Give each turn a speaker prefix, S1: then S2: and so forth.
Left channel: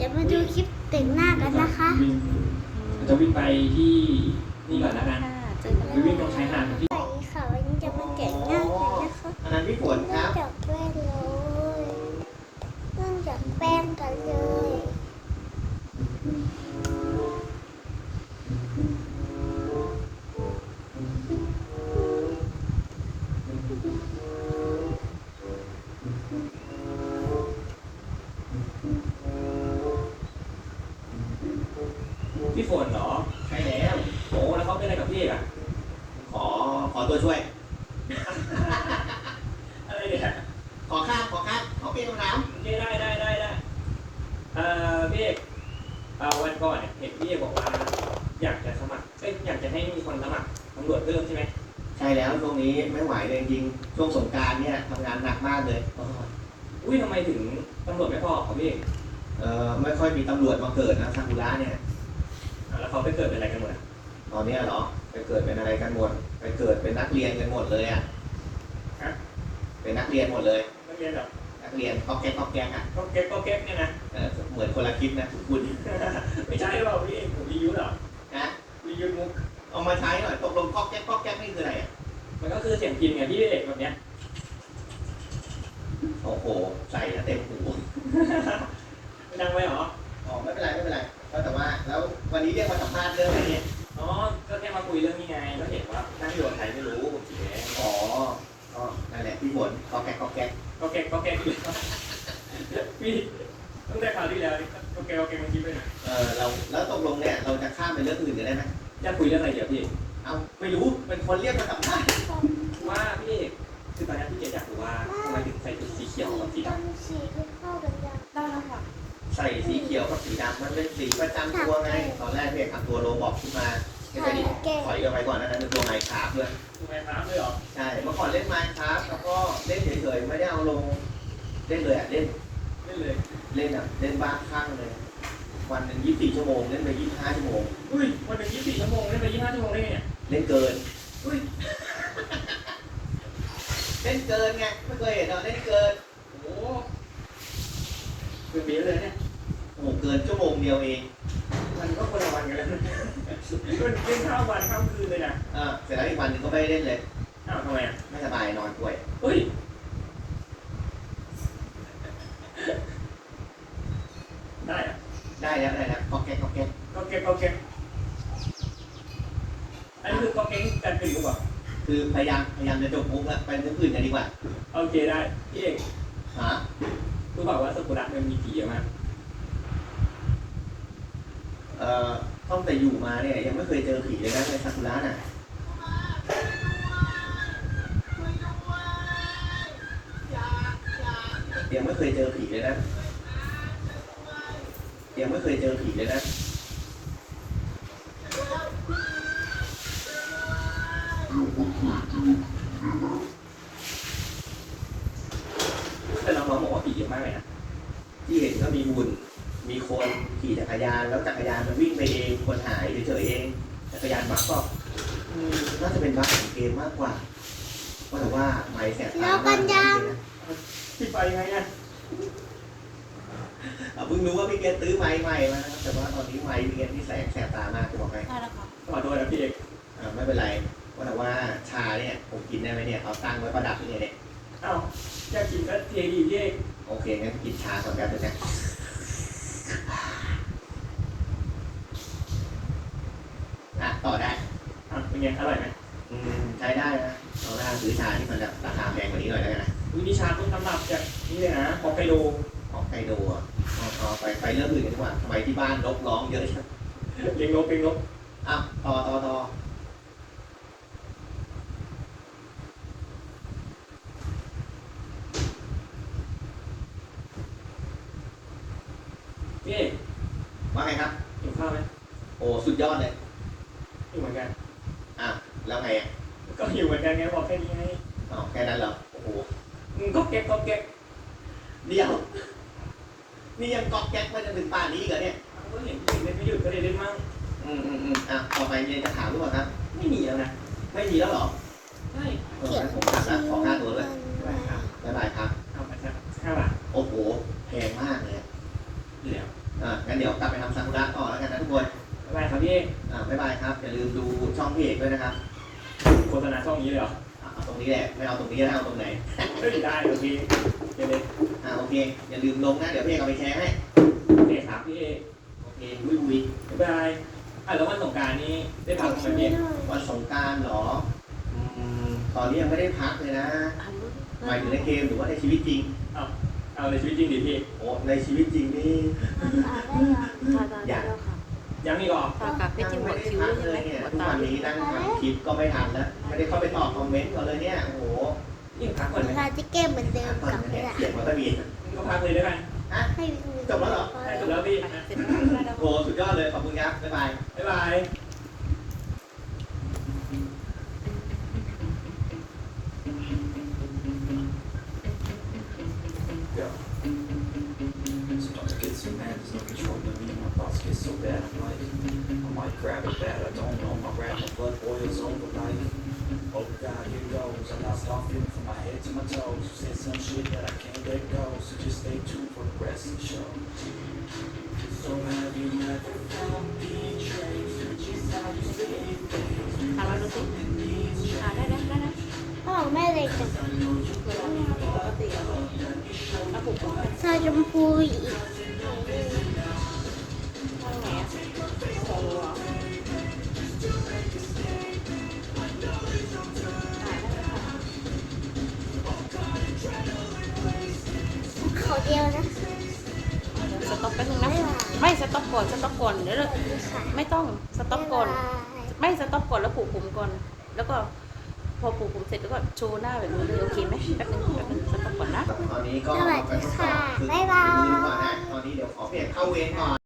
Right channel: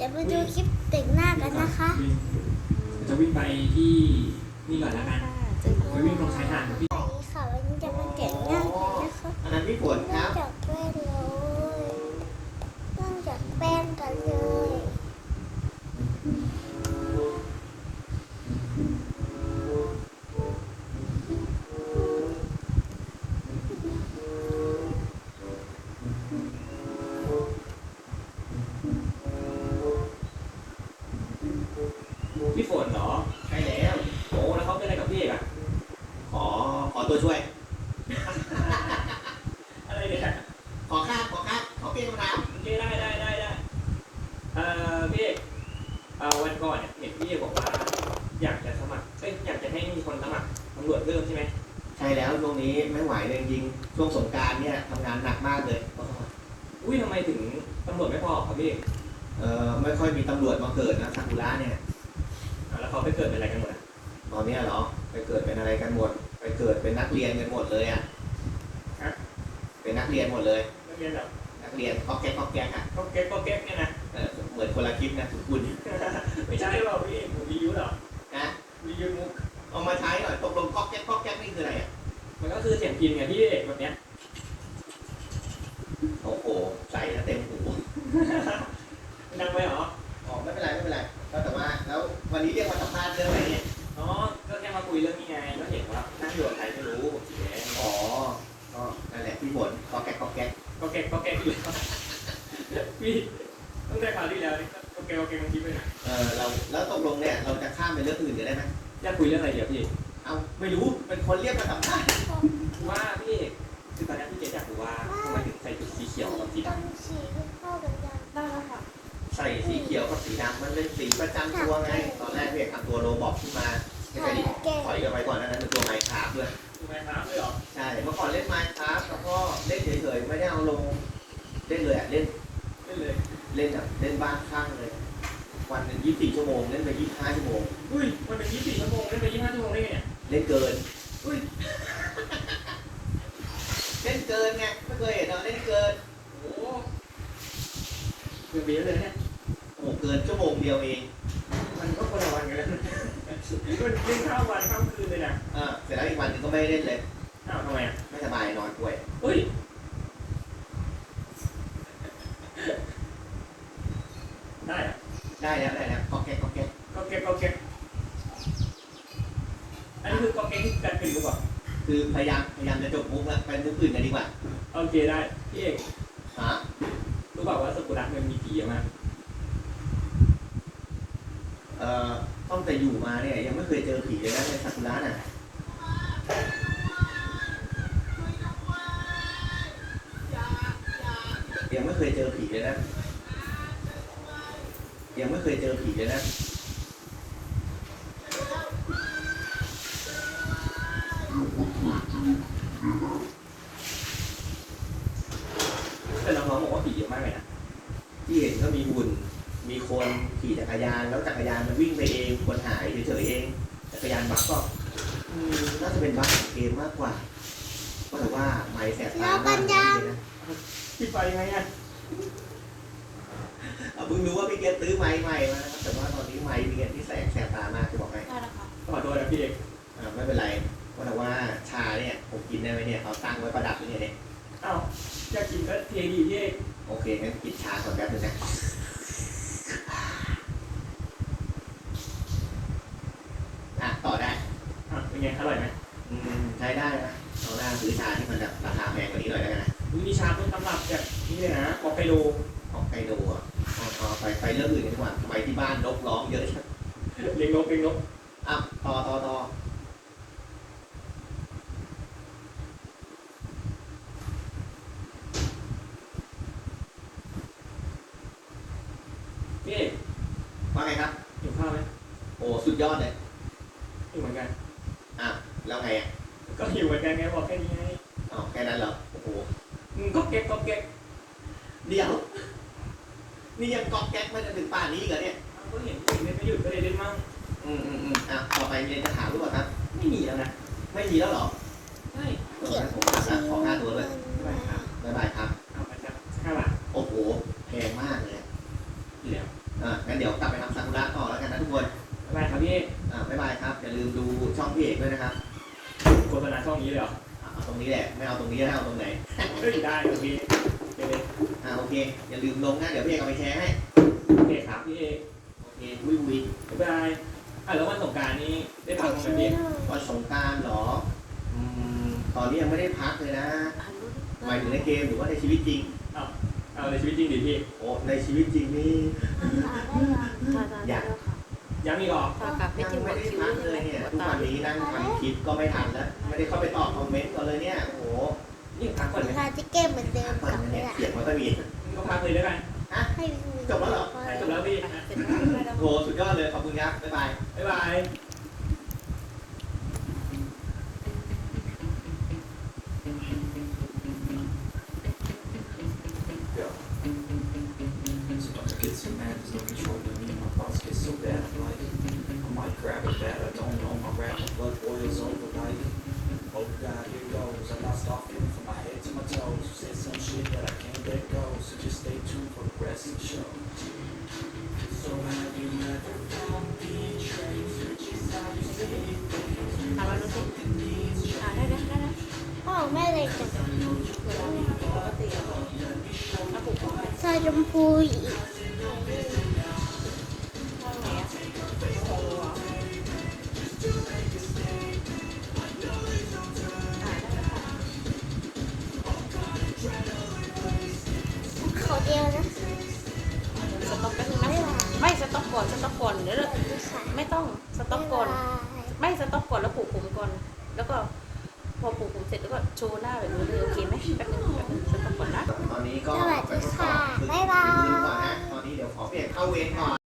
S1: ยวมาดูคลิปแต่งหน้ากันนะคะ
S2: จะวิ่งไปที่นี่ก่อนแล้วกัน
S1: เจอกัน
S2: ไปวิ่งตรงชายหาดที่
S1: สวัสดีค่ะวันนี้จะมาแต่งหน้ากันนะคะ
S3: อันนั้นพี่ฝนค
S1: เริ่
S3: รั
S1: ม
S3: บ
S1: จากแป้งเลยเริ่มจากแป้งกันเลย
S2: พี่ฝนเหรอใช่แล้วโอ้แล้วเขาเป็นอะไรกับพี่อ่ะ
S3: ขอตัวช่วย
S2: อะไรเนี่ย
S3: ขอเปลี่ยนคำถาม
S2: โอเคได้พี่เอกวันก่อนเนี่ยเห็นพี่เอกบอกว่าอยากจะสมัครอยากจะให้มีคนสมัครตำรวจเพิ่มใช่ไหม
S3: ใช่แล้วช่วงนี้ไม่ไหวเลยจริงๆช่วงสงกรานต์เนี่ยทำงานหนักมากเลย
S2: อุ้ยทำไมถึงตำรวจไม่พอครับพี่เอก
S3: ไม่ค่อยมีตำรวจมาเกิดนะซากุระเนี่ย
S2: แล้วเขาไปเกิดเป็นอะไรกันหมดอ่ะ
S3: ตอนเนี้ยเหรอไปเกิดเป็นอะไรกันหมดไปเกิดเป็นนักเรียนกันหมดเลยอ่ะเป็นนักเรียนหมดเลย
S2: นักเรียนแบบ
S3: นักเรียนก๊อกแก๊กอ่ะ
S2: ก็เก๊กเนี่ยนะ
S3: เหมือนคนละคลิปนะทุกคุณ
S2: ไม่ใช่หรือเปล่าพี่เอกผมรีวิวเหรอ
S3: นะ
S2: รีวิวมุก
S3: เอามาใช้หน่อยตกลงก๊อกแก๊กนี่คืออะไรอ่ะ
S2: มันก็คือเสียงพิมพ์ไงพี่เอกแบบเนี้ย
S3: โอ้โหใส่เต็มหู
S2: ดังไปเหรอ
S3: อ๋อไม่เป็นไรก็แต่ว่าแล้ววันนี้เรียกมาสัมภาษณ์เรื่องอะไรเนี่ย
S2: อ๋อ ก็แค่มาคุยเรื่องนี้ไงแล้วเห็นว่าท่านตำรวจไทยไม่รู้ผมสิแล้
S3: อ๋อก็นั่นแหละพี่ฝนก๊อกแก๊ก
S2: ก็แกอยู่พี่ตั้งแต่คราวที่แล้วนี่ก็แกมันคิดไปไหน
S3: เราแล้วตกลงเนี่ยเราจะข้ามไปเรื่องอื่นได้ไหม
S2: อยากคุยเรื่องอะไรเดี๋ยวพี่
S3: เอาไม่รู้เป็นคนเรียกมาสัมภาษณ์
S2: ว่าพี่คือตอนนี้พี่เจ๊อยากรู้ว่าทำไมถึงใส่ชุดสีเขียวกับสี
S1: ต้
S2: ด
S1: องสีให้เข้ากันยัง
S3: ใส่สีเขียวกับสีดำมันเป็นสีประจำตัวไงตอนแรกพี่เอกทำตัวโรบอกขึ้นมาที่ไปดิถอยกันไปก่อนนั้นเป็นตัวไมค์คราฟด้วย
S2: ำคือแม่น้ำเลยเหรอ
S3: ใช่เมื่อก่อนเล่นไมค์คราฟแล้วก็เล่นเฉยๆไม่ได้เอาลงเล่นเลยอ่ะเล่น
S2: ไม่เลย
S3: เล่นแบบเล่นบ้านข้างเลยวันหนึ่ง24 ชั่วโมงเล่นไป25 ชั่วโมง
S2: อุ้ยวันหนึ่ง24 ชั่วโมงเล่นไป25 ชั่วโมงได้ไง
S3: เล่นเกิน
S2: อุ้ย
S3: เล่นเกินไงไม่เคยเห็นเราเล่นเกิน
S2: โอ้เกือบเบี้ยเลยเนี่ย
S3: โอ้โหเกินชั่วโมงเดียวเอง
S2: มันก็คนละวันกันแล้วมันเล่นข้ามวันข้ามคืนเลยนะ
S3: เสร็จแล้วอีกวันหนึงก็ไม่ได้เล่นเลย
S2: อ้าวทำไมอ่ะ
S3: ไม่สบายนอนป่วย
S2: อุ้ยได้อะ
S3: ได้แล้วก๊อกแก๊ก
S2: ก็เก็บอันนี้คือก็เก็บที่การเป็นหรือเปล่า
S3: คือพยายามจะจบมุกแล้วไปมุกอื่นกันดีกว่า
S2: โอเคได้พี่เอก
S3: ฮะ
S2: รู้เปล่าว่าสกุระมันมีผีเยอะมาก
S3: ตั้งแต่อยู่มาเนี่ยยังไม่เคยเจอผีเลยนะในซากุระน่ะยังไม่เคยเจอผีเลยนะยังไม่เคยเจอผีเลยนะ
S2: แต่น้องๆบอกว่าผีเยอะมากเลยนะ
S3: ที่เห็นก็มีหุ่นมีคนขี่จักรยานแล้วจักรยานมันวิ่งไปเองคนหายเฉยๆเองจักรยานบักก็น่าจะเป็นบักของเกมมากกว่าเพราะแต่ว่าไม้แสบตามากเลยนะ
S2: พี่ไปไงอ่ะ
S3: เพิ่งรู้ว่าพี่เกศซื้อไม้ใหม่มาแต่ว่าตอนนี้ไม้พี่เกศที่แสบตามากจะบอกไป
S2: ขอโทษนะพี่เอก
S3: ไม่เป็นไรเพราะแต่ว่าชาเนี่ยผมกินได้ไหมเนี่ยเขาตั้งไว้ประดับนี่เนี่ย
S2: เอ้าอยากกินก็เทียดีพี่เอก
S3: โอเคงั้นกินชาก่อนแป๊บนึงนะต่อได้
S2: เป็นไงอร่อยไหม
S3: ใช้ได้นะเอาหน้าซื้อชาที่มันแบบราคาแพงกว่านี้หน่อยแล้วกันนะ
S2: วิชาต้องทำแบบจากนี่เลยนะฮอกไกโด
S3: ของไคโดอ่ะเอาไปเรื่องอื่นกันดีกว่าทำไมที่บ้านนกร้องเยอะจัง
S2: เลี้ยงนก
S3: ต่อ
S2: พี่เอก
S3: ว่าไงครับ
S2: หิวข้าวไหม
S3: โอ้สุดยอดเลย
S2: หิวเหมือนกัน
S3: แล้วไงอ่ะ
S2: ก็หิวเหมือนกันไงบอกแค่นี้ไง
S3: แค่นั้นเหรอโอ้โห
S2: ก็เก็บ
S3: เดี๋ยวนี่ยังก๊อกแก๊กไม่จนถึงป่านนี้เหรอเนี่ย
S2: ก็เห็นพี่เอกเล่นไม่หยุดก็เลยเล่นมั่ง
S3: ต่อไปมีอะไรจะถามหรือเปล่าครับ
S2: ไม่มีแล้วนะ
S3: ไม่มีแล้วเหรอ
S2: ไม่
S3: ผมตัดละขอหน้าตัวเลย บ๊ายบายครับ
S2: เอาไปสัก5 บาท
S3: โอ้โหแพงมากเลย
S2: เหลือ
S3: เงั้นเดี๋ยวกลับไปทำซากุระต่อแล้วกันนะทุกคน
S2: บ๊ายบายครับพี่
S3: บ๊ายบายครับอย่าลืมดูช่องพี่เอกด้วยนะครับ
S2: โฆษณาช่องนี้เลยเหรอ
S3: เอาตรงนี้แหละไม่เอาตรงนี้แล้วเอาตรงไหน
S2: ไม่ได้เดี๋ยวพี่ไปเลย
S3: โอเคอย่าลืมลงนะเดี๋ยวพี่เอกเอาไปแชร์ให้
S2: โอเคครับพี่เอก
S3: โอเควิว
S2: บ๊ายบายแล้ววันสงกรานต์นี้ได้พั
S1: ใส่
S2: กไหม
S1: ชื่อ
S2: พี่
S1: หน่อย
S3: วันสงกรานต์เหรอตอนนี้ยังไม่ได้พักเลยนะหมายถึงในเกมหรือว่าในชีวิตจริง
S2: เอาในชีวิตจริงดิพี่
S3: โอ้ในชีวิตจริงนี่
S1: ได้ยัง
S2: ยังมีก่อน
S3: ยังไม่ได้พักเลยเนี่ยทุกวันนี้นั่งทำคลิปก็ไม่ทันแล้วไม่ได้เข้าไปตอบคอมเมนต์ก็เลยเนี่ยโอ้โห
S2: ยิ่งพักก่อนเลย
S1: ทาที่เกมเหมือนเดิมกลับไปละ
S3: เสียงมันก็มี
S2: ก็พักเลยแล้วกัน
S1: ให้วิว
S3: จบแล้วเหรอ
S2: จบแล้วพี่
S3: โอ้สุดยอดเลยขอบคุณครับบ๊ายบาย
S2: บ๊ายบาย
S4: Get some man, no control me, my thoughts get so bad, like, I might grab a bat, I don't know, my rapping blood boils over, like, oh God, here goes, I lost all feeling from my head to my toes, you said some shit that I can't let go, so just stay tuned for the rest of the show. So have you never felt betrayed, just how you say things,
S1: พ่อแม่เลยจังซอยชมพูอีกเขาเดียวนะ
S5: สต็อกแป๊บนึงนะไม่สต็อกก่อนเดี๋ยว
S1: ค่ะ
S5: ไม่ต้องสต็อกก่อน ไม่สต็อกก่อนแล้วปลูกผมก่อน แล้วก็พอปลูกผมเสร็จแล้วก็โชว์หน้าแบบนี้เลยโอเคไหมแป๊บนึงสต็อกก่อนนะ
S3: ตอนนี้ก็
S1: สวัสดีค่ะ บ๊ายบา
S3: ลืมก่อนนะ
S1: ย
S3: ตอนนี้เดี๋ยวขอเปลี่ยนเข้าเวรก่อน